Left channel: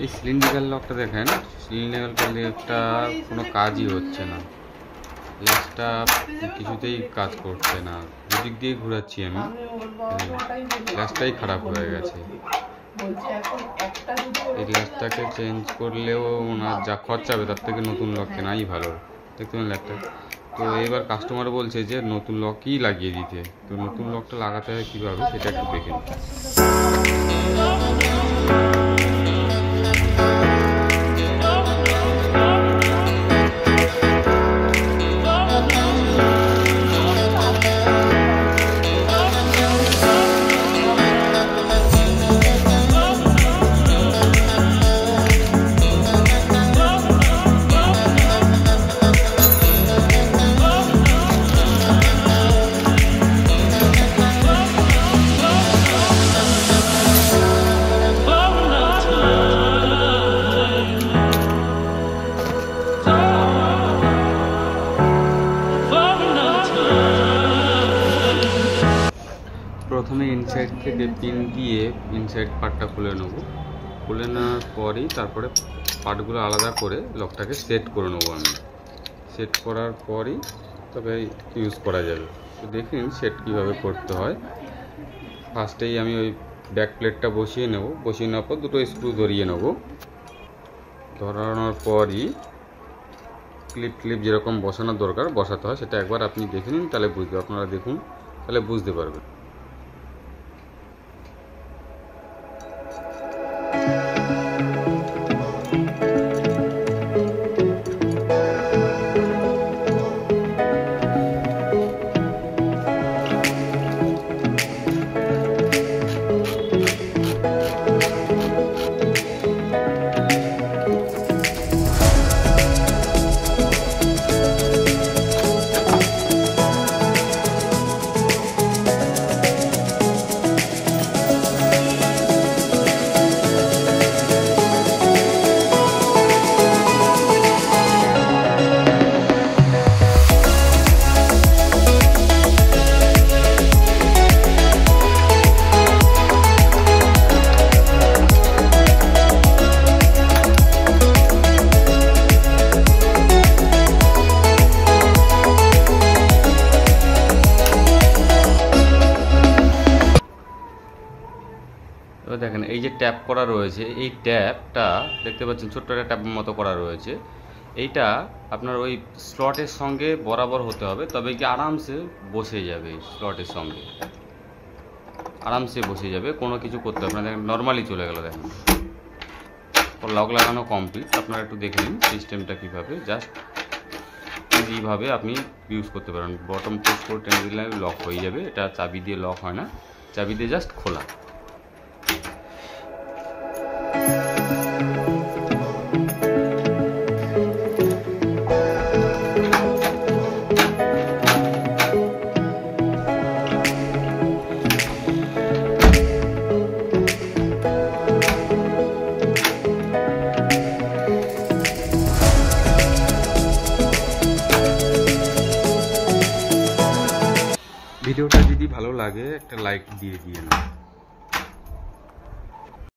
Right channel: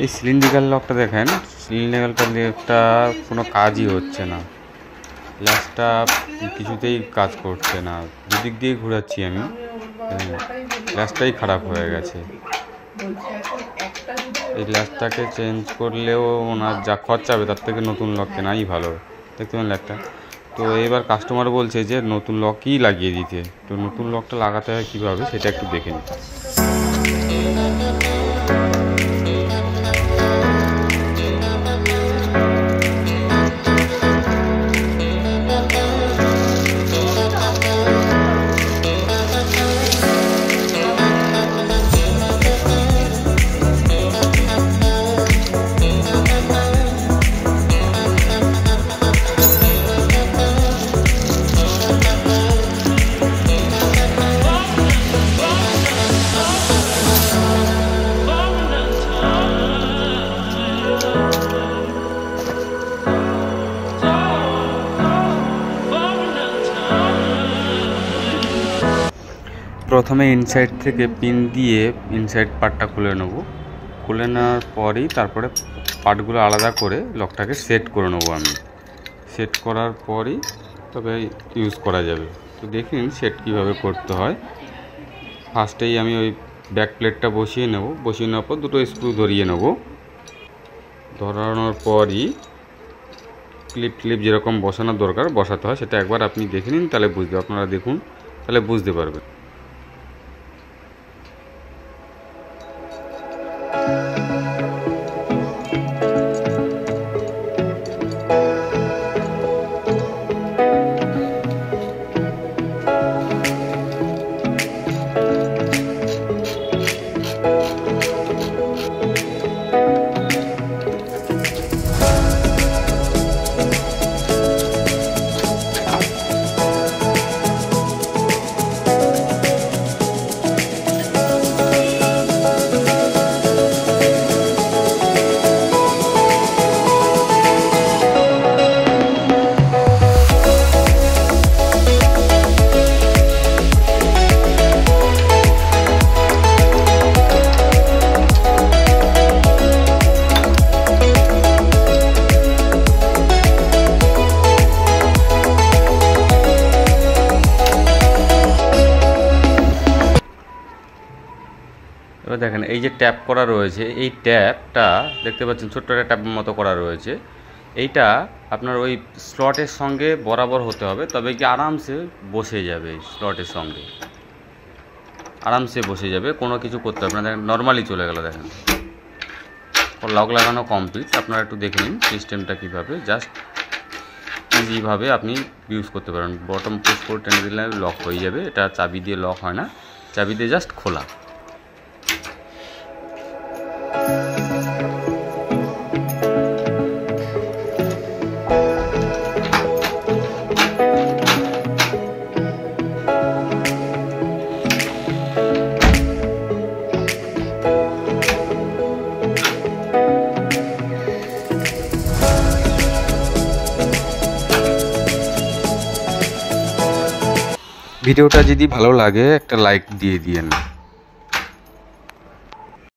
এই সিলিন্ড্রিক্যাল লকটা দেখেন, সিলিন্ড্রিক্যাল লকটা কোনো কাজই হচ্ছে না, গ্লাসটা কিছুতেই কাজ করছে না। দুদিক দিয়ে ঘোরাচ্ছি আমি, গ্লাসটাই খারাপ হয়ে গেছে। এই গ্লাসটাকে চেঞ্জ করলেও ওনার যা খরচা হবে তার থেকে নতুন লক কেনাই ভালো। দেখতে পেলেন একটা। তো এবার কাস্টমার বলছে যে নতুন লকই লাগিয়ে দিতে। তো নতুন লকটা লাগাতে হয় কীভাবে সেটা একটু দেখে নিন। প্রথমে ইনসাইড থেকে পিন দিয়ে ইনসাইড পার্টটা খুলে নেব। খুলে নেওয়ার পরেই তারপরে পার্টগুলো আলাদা করে লকটাকে সেট করে নেবো আমি। সেট করার পরেই তবে ইউজ করা যাবে। তো দেখুন সেট কীভাবে করতে হয়। ফার্স্টেই আমি ওই ব্যাক প্লেটটা বসিয়ে নেব। বসিয়ে নেওয়ার পর দুটো স্ক্রু ধরিয়ে নেব। ধরানোর পরই ক্লিপ যেরকম বসানোর দরকার বসাতে হয় সেটা একবার আপনি দেখে নিন, তাহলে আপনারা দেখুন, তাহলে বুঝতে পারবেন। এবার দেখেন এই যে ট্যাপ করা রয়েছে, এই ট্যাপটা দেখতে পাচ্ছেন ছোট্ট একটা ট্যাপের মতো করা রয়েছে। এইটা আপনার ওই স্লটের সঙ্গে বরাবর হতে হবে, তবে কি আরামসে বসে যাবে। স্লটের সঙ্গে আরামসে বসে যাবে, কোনো কিছু করতে হবে না। দেখেন নর্মালি চলে গেল। দেখেন লক লাগানো কমপ্লিট। আপনারা একটু দেখে নিন সিস্টেমটা কীভাবে, জাস্ট ইজিভাবে আপনি ইউজ করতে পারেন। বটম পুশ করে টেনে দিলে লক হয়ে যাবে। এটা চাবি দিয়ে লক হয় না, চাবি দিয়ে জাস্ট খোলা। ভিডিওটা যদি ভালো লাগে একটা লাইক দিয়ে দিয়েন।